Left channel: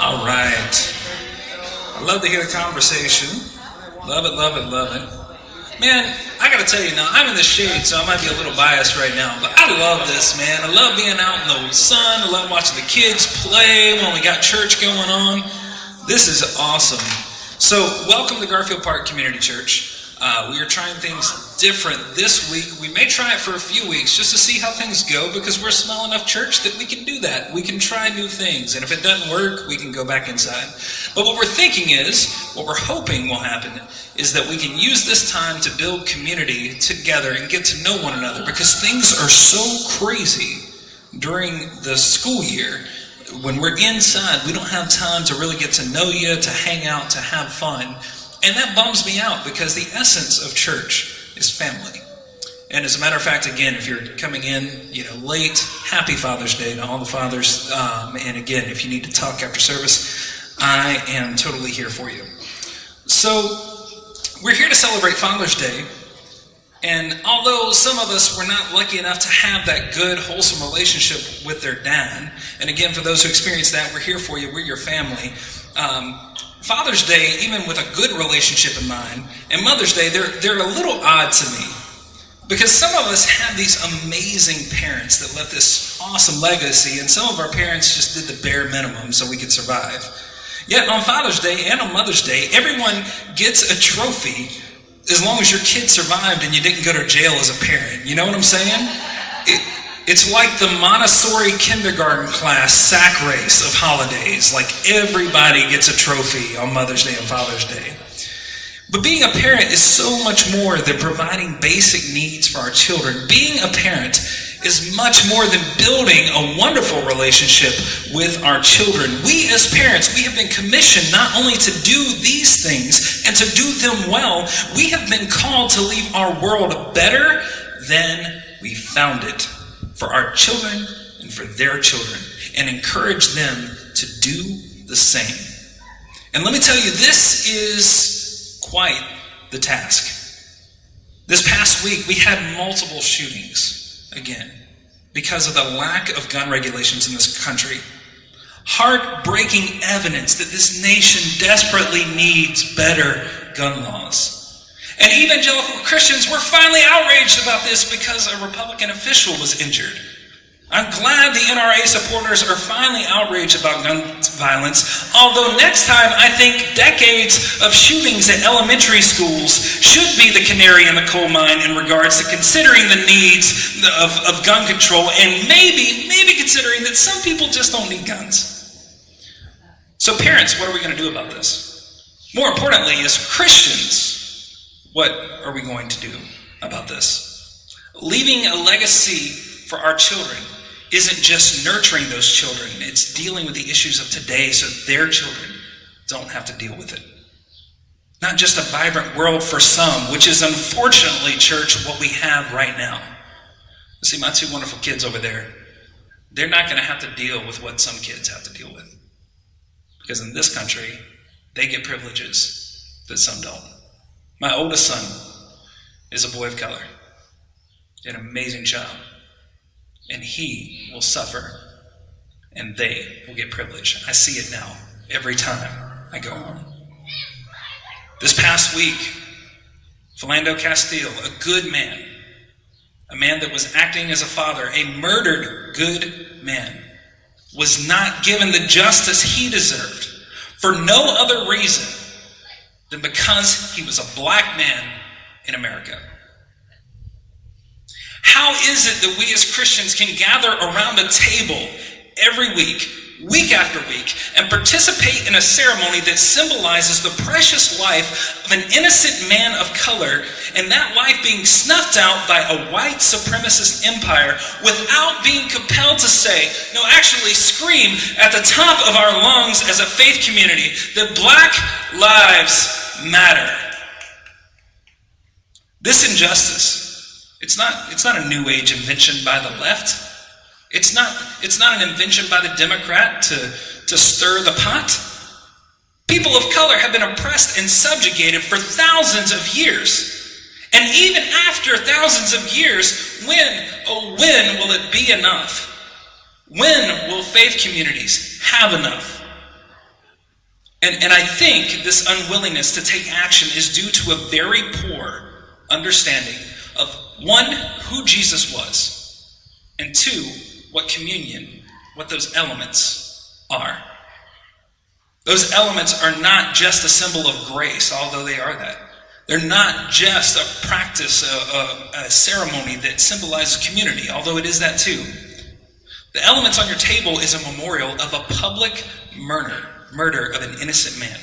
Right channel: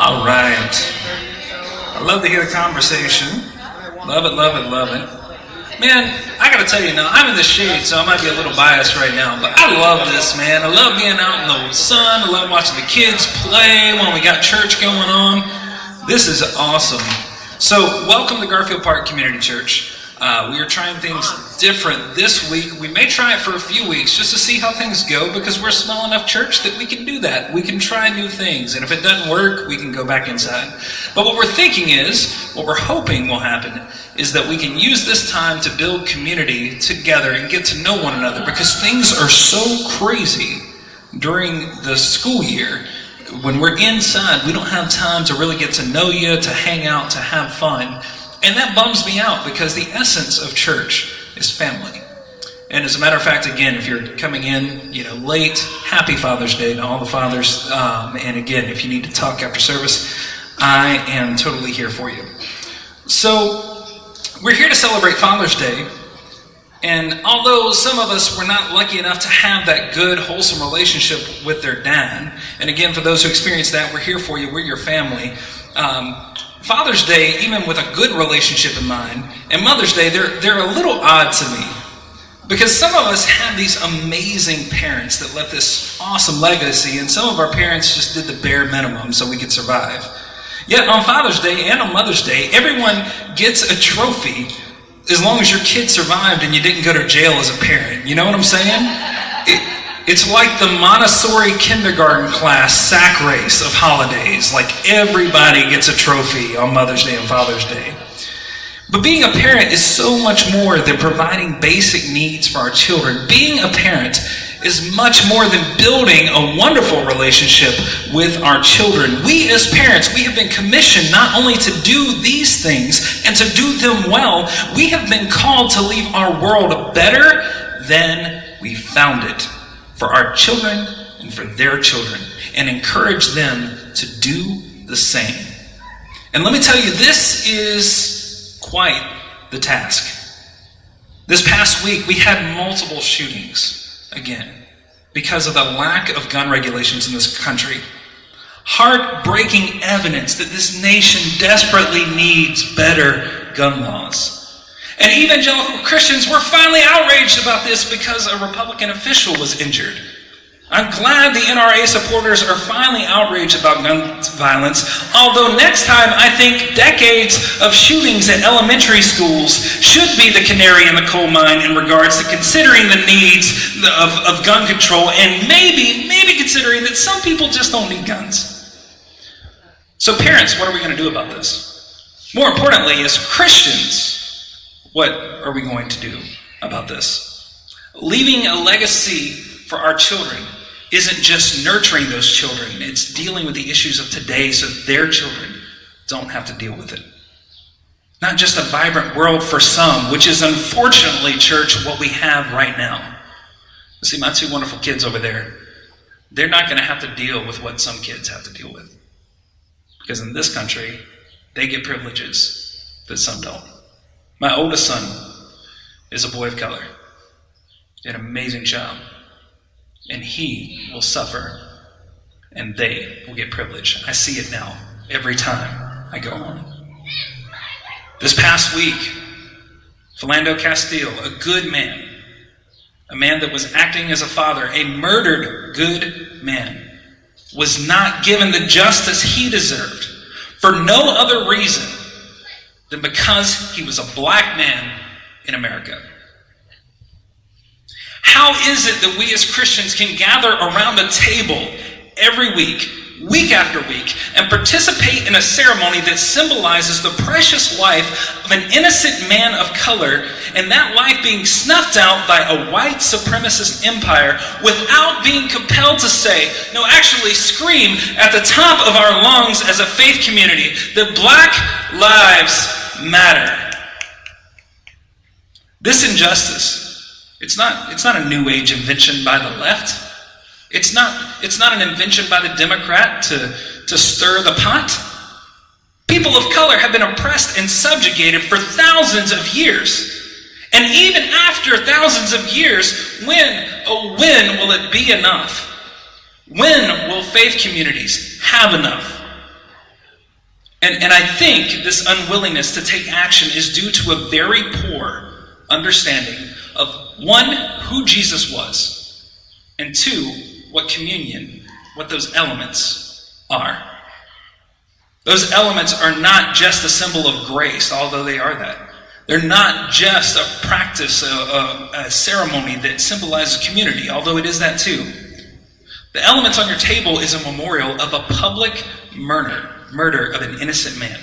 All right. I love to hear the conversation. Love it, love it, love it. Man, I gotta tell you now, I'm in the shade, so I might be a little biased right now, but I love this, man. I love being out in the sun. I love watching the kids play when we got church going on. This is awesome. So, welcome to Garfield Park Community Church. We are trying things different this week. We may try it for a few weeks just to see how things go, because we're a small enough church that we can do that. We can try new things, and if it doesn't work, we can go back inside. But what we're thinking is, what we're hoping will happen, is that we can use this time to build community together and get to know one another, because things are so crazy during the school year. When we're inside, we don't have time to really get to know you, to hang out, to have fun. And that bums me out, because the essence of church is family. And as a matter of fact, again, if you're coming in, late, happy Father's Day to all the fathers. And again, if you need to talk after service, I am totally here for you. So we're here to celebrate Father's Day. And although some of us were not lucky enough to have that good, wholesome relationship with their dad, and again, for those who experienced that, we're here for you. We're your family. Father's Day, even with a good relationship in mind, and Mother's Day, they're a little odd to me. Because some of us have these amazing parents that left this awesome legacy, and some of our parents just did the bare minimum so we could survive. Yet on Father's Day and on Mother's Day, everyone gets a trophy as long as your kid survived and you didn't go to jail as a parent. You know what I'm saying? It's like the Montessori kindergarten class sack race of holidays. Like, everybody gets a trophy on Mother's Day and Father's Day. But being a parent is so much more than providing basic needs for our children. Being a parent is much more than building a wonderful relationship with our children. We as parents, we have been commissioned not only to do these things and to do them well, we have been called to leave our world better than we found it, for our children and for their children, and encourage them to do the same. And let me tell you, this is quite the task. This past week, we had multiple shootings, again, because of the lack of gun regulations in this country. Heartbreaking evidence that this nation desperately needs better gun laws. And evangelical Christians were finally outraged about this because a Republican official was injured. I'm glad the NRA supporters are finally outraged about gun violence, although next time I think decades of shootings at elementary schools should be the canary in the coal mine in regards to considering the needs of gun control, and maybe considering that some people just don't need guns. So parents, what are we going to do about this? More importantly, as Christians, what are we going to do about this? Leaving a legacy for our children isn't just nurturing those children, it's dealing with the issues of today so their children don't have to deal with it. Not just a vibrant world for some, which is unfortunately, church, what we have right now. You see, my two wonderful kids over there, they're not going to have to deal with what some kids have to deal with. Because in this country, they get privileges that some don't. My oldest son is a boy of color, an amazing child, and he will suffer, and they will get privilege. I see it now every time I go home. This past week, Philando Castile, a good man, a man that was acting as a father, a murdered good man, was not given the justice he deserved for no other reason than because he was a black man in America. How is it that we as Christians can gather around a table every week, week after week, and participate in a ceremony that symbolizes the precious life of an innocent man of color, and that life being snuffed out by a white supremacist empire, without being compelled to say, no, actually scream at the top of our lungs as a faith community that Black Lives Matter? This injustice, it's not a new age invention by the left. It's not an invention by the Democrat to stir the pot. People of color have been oppressed and subjugated for thousands of years. And even after thousands of years, when will it be enough? When will faith communities have enough? And I think this unwillingness to take action is due to a very poor understanding of, one, who Jesus was, and two, what communion, what those elements are. Those elements are not just a symbol of grace, although they are that. They're not just a practice, a ceremony that symbolizes community, although it is that too. The elements on your table is a memorial of a public murder of an innocent man.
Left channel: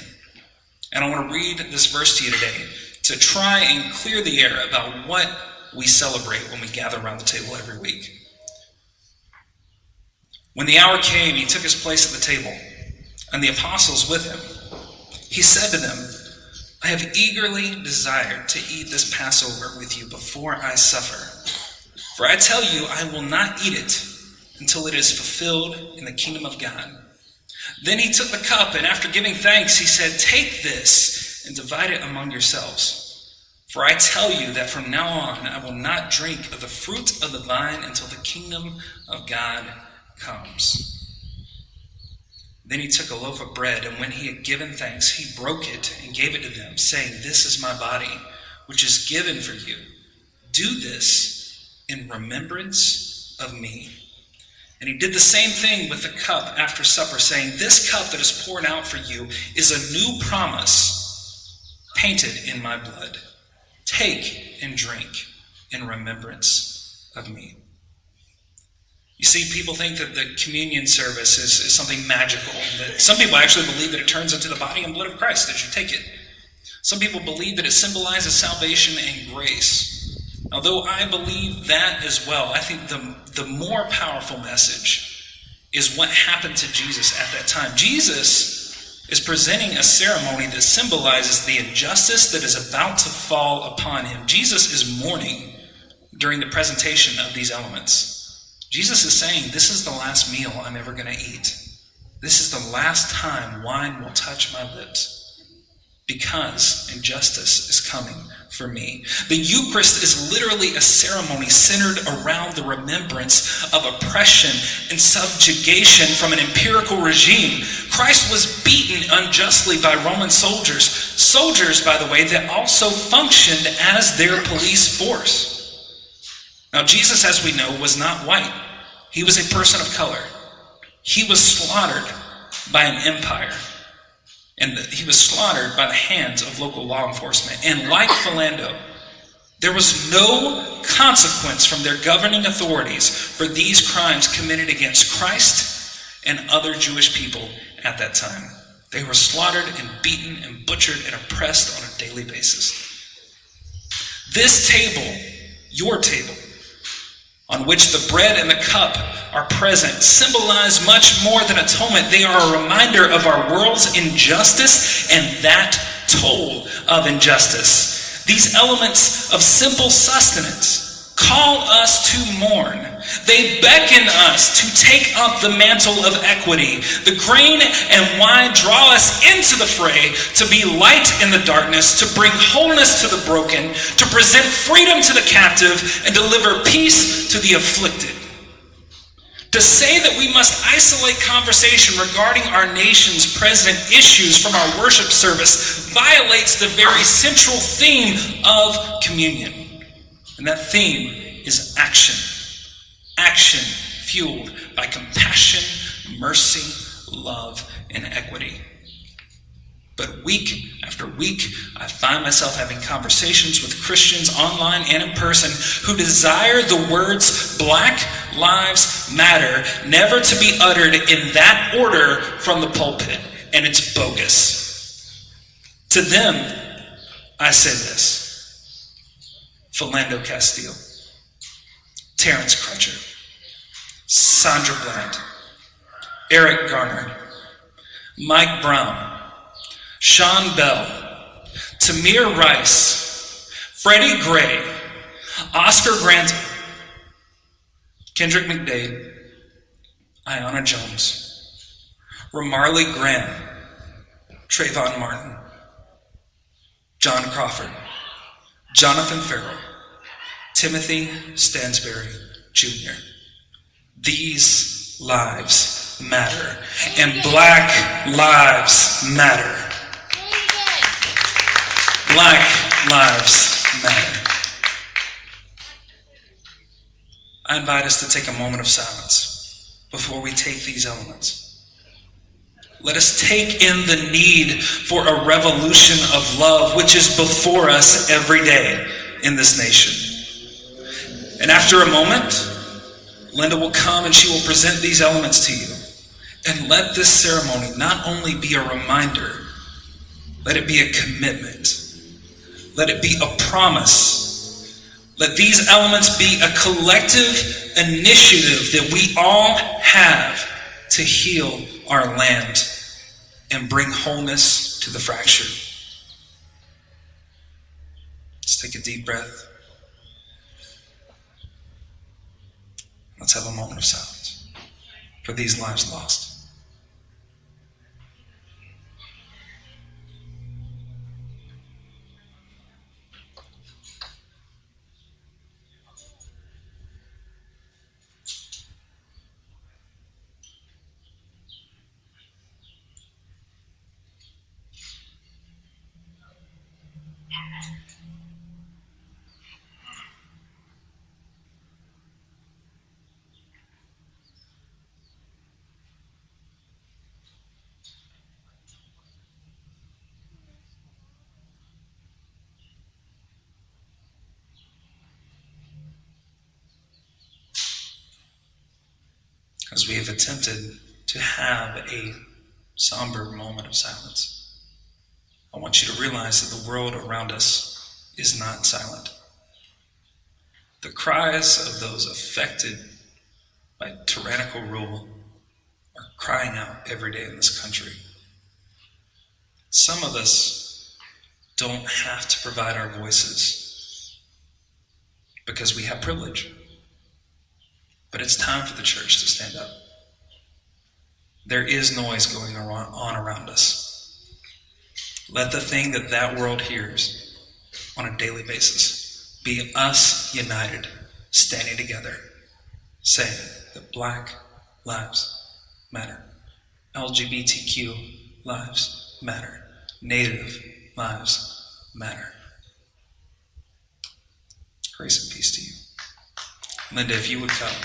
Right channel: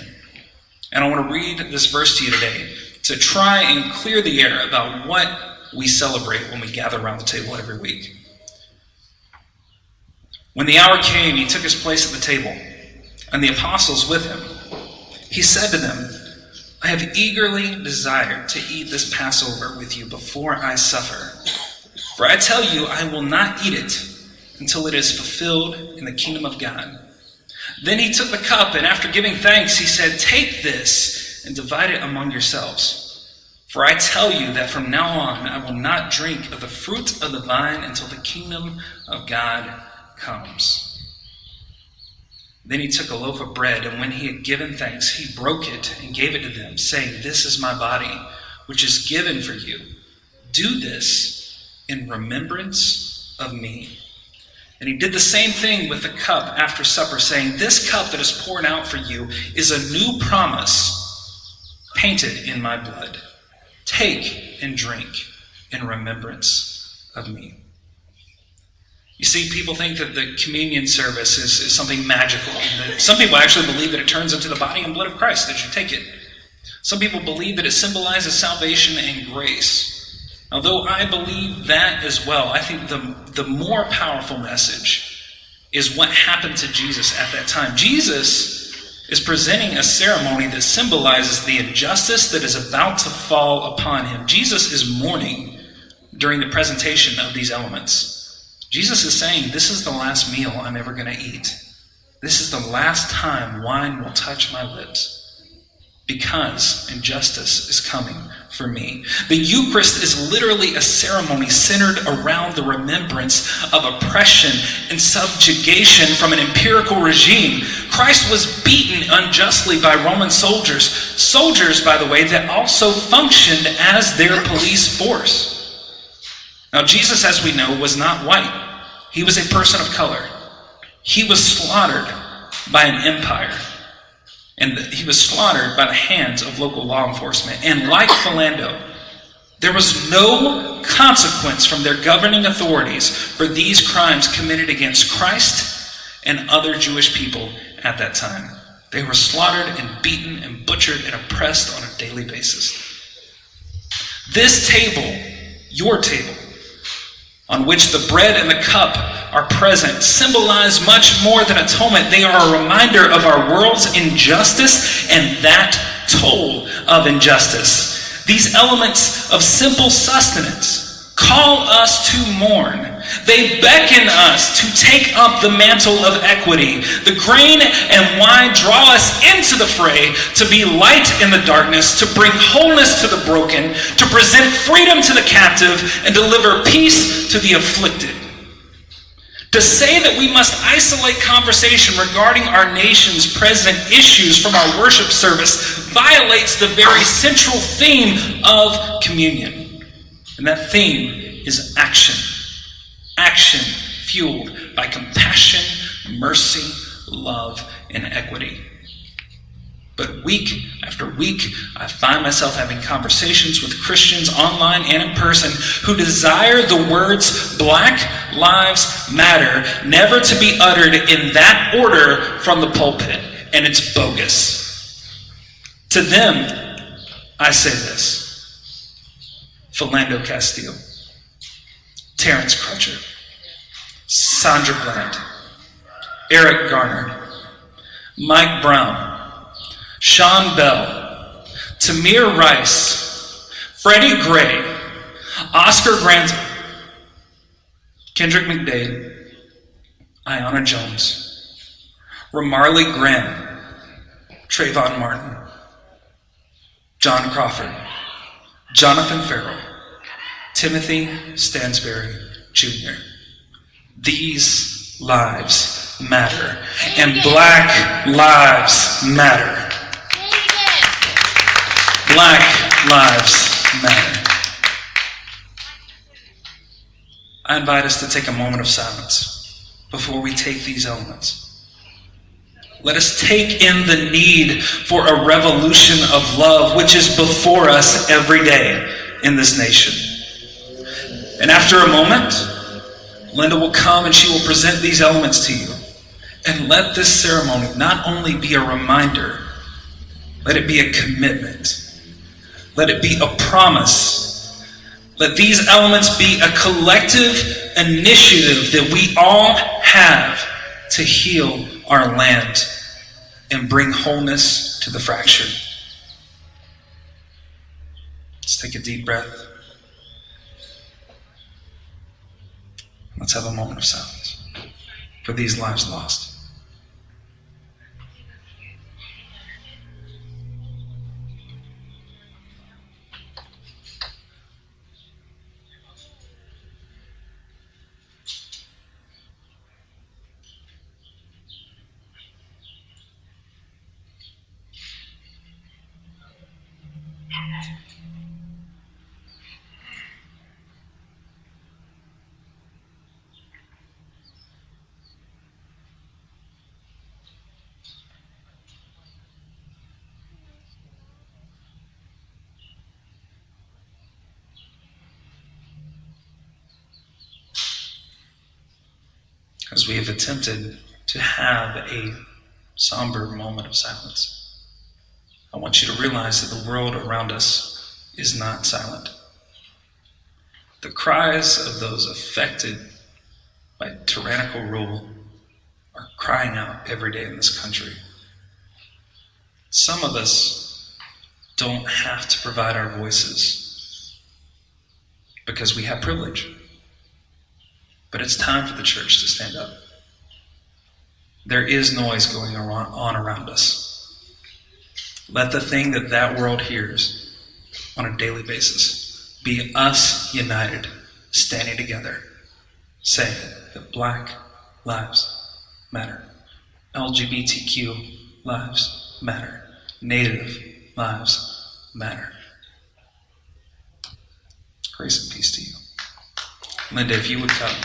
And I want to read this verse to you today to try and clear the air about what we celebrate when we gather around the table every week. When the hour came, he took his place at the table, and the apostles with him. He said to them, I have eagerly desired to eat this Passover with you before I suffer. For I tell you, I will not eat it until it is fulfilled in the kingdom of God. Then he took the cup, and after giving thanks, he said, take this and divide it among yourselves. For I tell you that from now on I will not drink of the fruit of the vine until the kingdom of God comes. Then he took a loaf of bread, and when he had given thanks, he broke it and gave it to them, saying, this is my body, which is given for you. Do this in remembrance of me. And he did the same thing with the cup after supper, saying, this cup that is poured out for you is a new promise painted in my blood. Take and drink in remembrance of me. You see, people think that the communion service is something magical. Some people actually believe that it turns into the body and blood of Christ as you take it. Some people believe that it symbolizes salvation and grace. Although I believe that as well, I think the more powerful message is what happened to Jesus at that time. Jesus is presenting a ceremony that symbolizes the injustice that is about to fall upon him. Jesus is mourning during the presentation of these elements. Jesus is saying, this is the last meal I'm ever going to eat. This is the last time wine will touch my lips, because injustice is coming for me. The Eucharist is literally a ceremony centered around the remembrance of oppression and subjugation from an empirical regime. Christ was beaten unjustly by Roman soldiers. Soldiers, by the way, that also functioned as their police force. Now, Jesus, as we know, was not white. He was a person of color. He was slaughtered by an empire. And he was slaughtered by the hands of local law enforcement. And like Philando, there was no consequence from their governing authorities for these crimes committed against Christ and other Jewish people at that time. They were slaughtered and beaten and butchered and oppressed on a daily basis. This table, your table, on which the bread and the cup are present, symbolize much more than atonement. They are a reminder of our world's injustice and that toll of injustice. These elements of simple sustenance call us to mourn. They beckon us to take up the mantle of equity. The grain and wine draw us into the fray to be light in the darkness, to bring wholeness to the broken, to present freedom to the captive, and deliver peace to the afflicted. To say that we must isolate conversation regarding our nation's present issues from our worship service violates the very central theme of communion. And that theme is action. Action fueled by compassion, mercy, love, and equity. But week after week, I find myself having conversations with Christians online and in person who desire the words Black Lives Matter never to be uttered in that order from the pulpit, and it's bogus. To them, I say this: Philando Castile, Terrence Crutcher, Sandra Bland, Eric Garner, Mike Brown, Sean Bell, Tamir Rice, Freddie Gray, Oscar Grantham, Kendrick McDade, Ayanna Jones, Ramarley Graham, Trayvon Martin, John Crawford, Jonathan Farrell, Timothy Stansberry Jr. These lives matter. And Black Lives Matter. Black Lives Matter. I invite us to take a moment of silence before we take these elements. Let us take in the need for a revolution of love, which is before us every day in this nation. And after a moment, Linda will come and she will present these elements to you. And let this ceremony not only be a reminder, let it be a commitment. Let it be a promise. Let these elements be a collective initiative that we all have to heal our land and bring wholeness to the fractured. Let's take a deep breath. Let's have a moment of silence for these lives lost. As we have attempted to have a somber moment of silence, I want you to realize that the world around us is not silent. The cries of those affected by tyrannical rule are crying out every day in this country. Some of us don't have to provide our voices because we have privilege. But it's time for the church to stand up. There is noise going on around us. Let the thing that world hears on a daily basis be us united, standing together, saying that Black Lives Matter, LGBTQ lives matter, Native lives matter. Grace and peace to you. Linda, if you would come.